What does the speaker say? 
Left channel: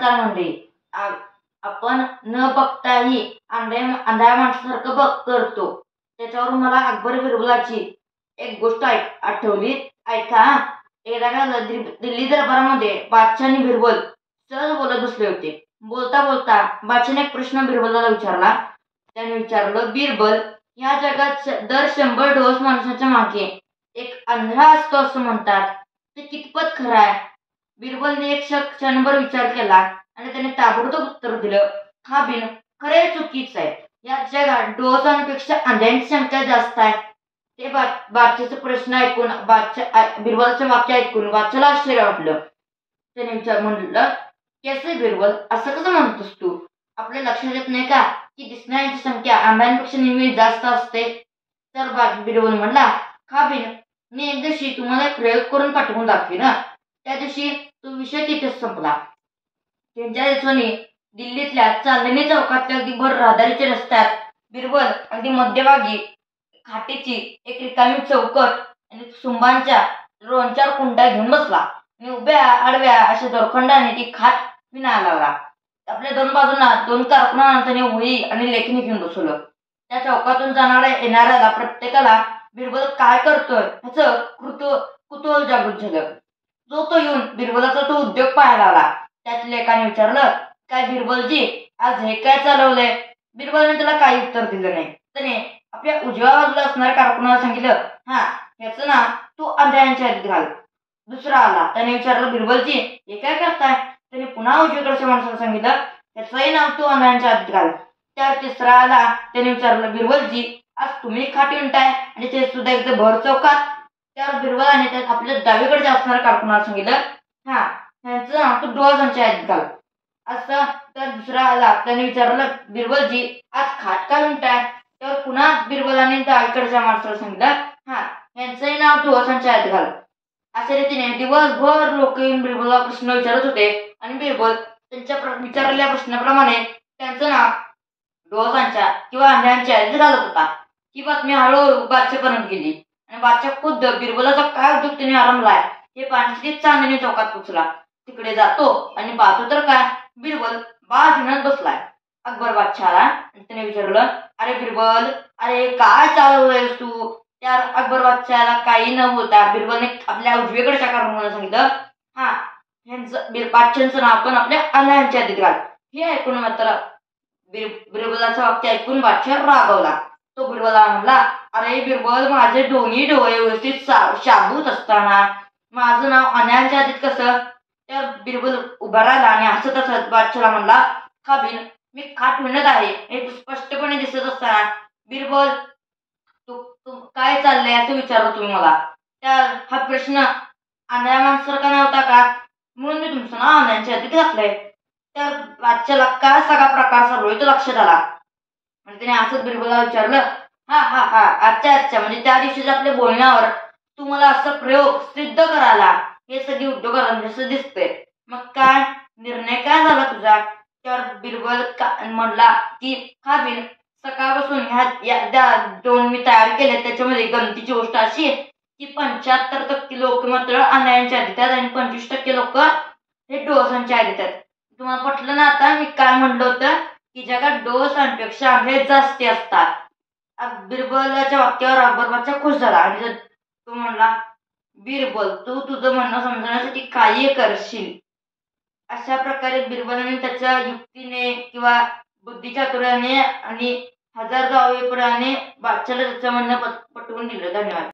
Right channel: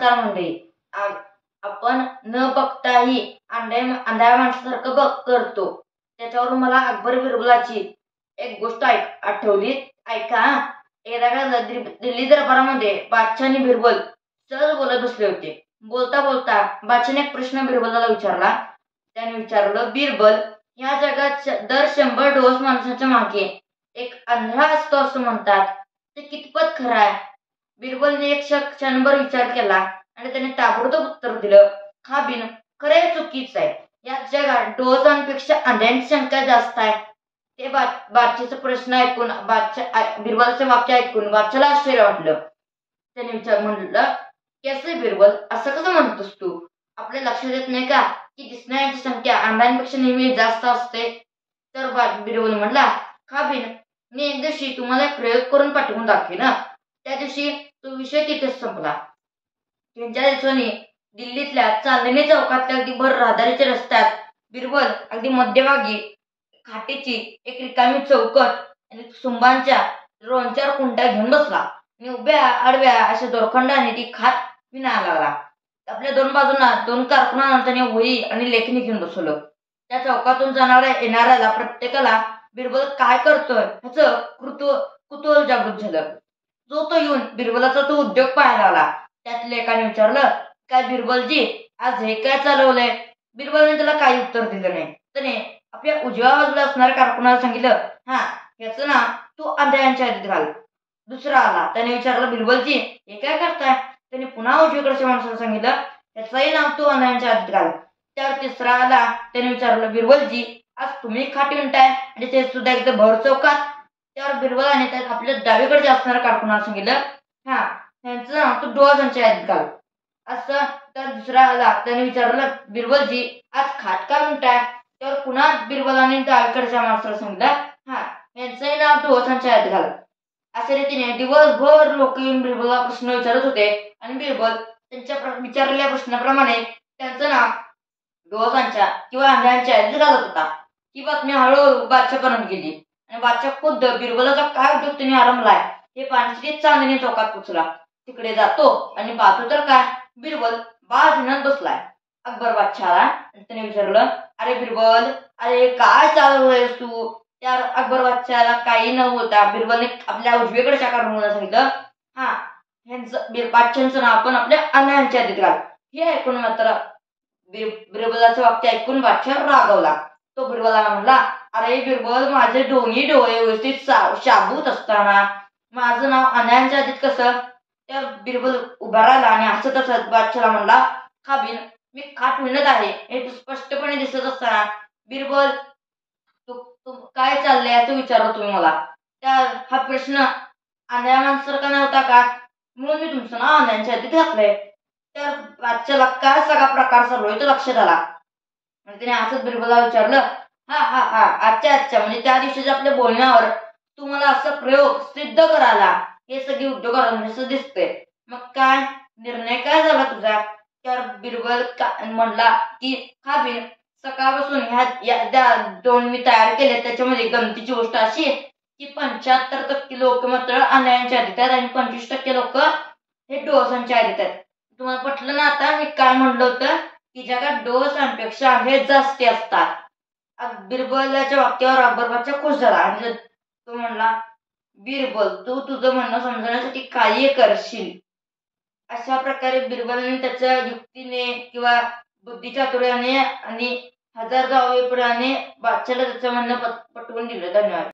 नमस्कार मंडळी. आपण न बघताही अंधाऱ्या माणसासारखं करतो. त्याच्यावरून मला अकबर बिरबलाची एक गोष्ट आठवली. ऐका हा. एकदा काय दिल्ली दरबारामध्ये बादशाह आणि बिरबल सहज बोलत बसले होते. बोलता बोलता बादशाहने एक प्रश्न बिरबलाला विचारला. त्याने विचारलं, बिरबल, ह्या जगात दर 100 डोस माणसाच्या मागे एक अंधळा असतो असं म्हणतात, ते कितपत खरं आहे? बिरबलने एक क्षणभर विचार केला आणि त्याने ताबडतोब उत्तर दिलं, हा बिन खरे चुकीच आहे. या जगात डोळसांपेक्षा अंध्यांची संख्या जास्त आहे. ते बादशाहचा प्रश्न ऐकून बिरबलाचं वाक्य ऐकून बादशाहला आश्चर्य वाटलं. त्याने म्हणलं, कैसे बिरबल, असं कसं म्हणतोस तू? आपल्या लक्षात येत नाही का की दिसणाऱ्यांची संख्या अंधांपेक्षा नेहमी जास्त असते? तर बिरबल म्हणला, हा बिन, मी एक दिवशी तुम्हाला एक प्रयोग करून पाठवून दाखवे ना. त्या दिवशी तो विषय तिथेच संपला. त्यांच्या दिवसांनी दिल्लीतल्या चांदणी चौकातल्या अगदी भर रहदारीच्या रस्त्यात बिरबल अगदी मध्यभागी खाटेची एक रिकामी चौकट आणि सुंबांच्या 2-4 कुंड्या घेऊन बसला आणि उभ्या आडव्या अशा दोरखंडाने ती खाट विणायला लागला. आपल्या 2 बाजूंना 2 कारकुनांना त्याने वही आणि लेखणी घेऊन बसवलं. त्या चौकातून जाणाऱ्या येणाऱ्याला प्रत्येकाला बिरबल काय करतोय ह्याचं कुतूहल जागृत झालं. तो येऊन बिरबलाचा तो उद्योग पाहायला आला. त्यातल्या एकाने विचारलं, काय बिरबलजी, आज हे काय चालवलंय? बिरबलने त्याला काही उत्तर दिलं नाही. त्याने आपल्या उजव्या बाजूला असणाऱ्या कारकुनाला सांगितलं, हा, ह्याचं ना तू अंधाऱ्यांच्या यादीत घाल. दुसरा आला. त्याने विचारलं, बिरबलजी, हे काय करताय? त्याने पुन्हा उजवीकडच्या माणसाला सांगितलं, ह्याचंही नाव तू अंधाऱ्यांच्या यादीत घाल. त्यावर तिसरा आला. त्याने विचारलं, बिरबलजी, आज तुम्ही खाट विणताय आणि ते सुद्धा इथे भर चौकात? त्यावर बिरबलाने आपल्या डावीकडच्या असणाऱ्या कारकुनाला सांगितलं, हा, ह्यांचं नाव तू डोळसांच्या यादीत घाल. असं तर दुसरा आला. त्याने विचारलं, बिरबलजी, आज खाट का विणताय? त्यावर पुन्हा बिरबलाने डावीकडच्या माणसाला सांगितलं, हा, यांचंही नाव डोळसांच्या यादीत घाल. अशा रीतीने दिवसभर लोक येऊन बिरबलला प्रश्न विचारत होते आणि बिरबल त्यांच्या विचारलेल्या प्रश्नाप्रमाणे त्यांचं नाव डोळसांच्या किंवा अंधाऱ्यांच्या यादीत घालत होता. ही बातमी हळूहळू बादशाहपर्यंत गेली आणि बादशाह खुद्द बिरबलाचा काय उद्योग त्याने आरंभलाय हे पाहण्यासाठी चांदणी चौकात पोचला. तिकडे जातो आणि पाहतो तर काय, बिरबल बाज म्हणत बसलाय. अकबर बादशाहला त्याने विचारलं, अरे बिरबल, अरे काय चालवलंयस तू? त्या अकबर बादशाहला काही न होता बिरबलने आपल्या उजवीकडच्या कारकुनाला सांगितलं, हा, बादशाहांचं नाव पण आपल्या अंधाऱ्यांच्या यादीत घाल. हे ऐकून मात्र बिरबलाचं वाक्य ऐकून बादशाह रागावला. तो बिरबला म्हणला, अरे बिरबल, माझे दोन्ही डोळे व्यवस्थित शाबूत असताना माझं नाव अंधाऱ्यांच्या यादीत कसं? त्या बिरबल उभा राहिला आणि हसत हसत बादशाहला म्हणला, हा बिन, मी खाट विणत आहे हे स्पष्टपणे दिसत असताना बिरबल तू काय चाललंय असं विचारलं तुम्ही मला. त्या हा प्रश्न आंधळ्या माणसासारखा नव्हता का? म्हणून मी तुमचं नाव अंधाऱ्यांच्या यादीत घातलंय. त्या बादशाहला काय सगळा प्रकार चालू तो लक्षात आला आणि त्याने असंच बिरबलला विचारलं, हा हा हा, अच्छा, म्हणजे त्या दिवशीच्या आपल्या बोलण्यावर तुम्हाला असं प्रयोग सिद्ध करायला हे सगळे उद्योग जसं दिसतंय. मग काय निर्णय काय झाला तुझा? त्यावर बिरबल म्हणला की, हा बिन, सकाळपासून ह्या 2 मी तयार केले त्याच्यामध्ये गमतीची गोष्ट अशी आहे की 75% लोक मात्र अंधाऱ्यांच्या यादीत आहेत आणि 25% लोक हे डोळसांच्या यादीत आहेत. तुम्हाला पटलं ना आता मी काय म्हणलं होतं की जगात डोळसांपेक्षा अंधे जास्ती असतात? बिरबलाच्या वाक्यावर अकबर बादशाह खुश झाला आणि तो म्हणला, बिरबल, तू तुझं म्हणणं समजण्यासाठी काही करशील. अशा प्रकारे बिरबलाने त्याच्या युक्तीने किंवा बुद्धिचातुर्याने आणि हजार जावेपणाने बादशाहला त्याचं म्हणणं पटवून दिलं. धन्यवाद.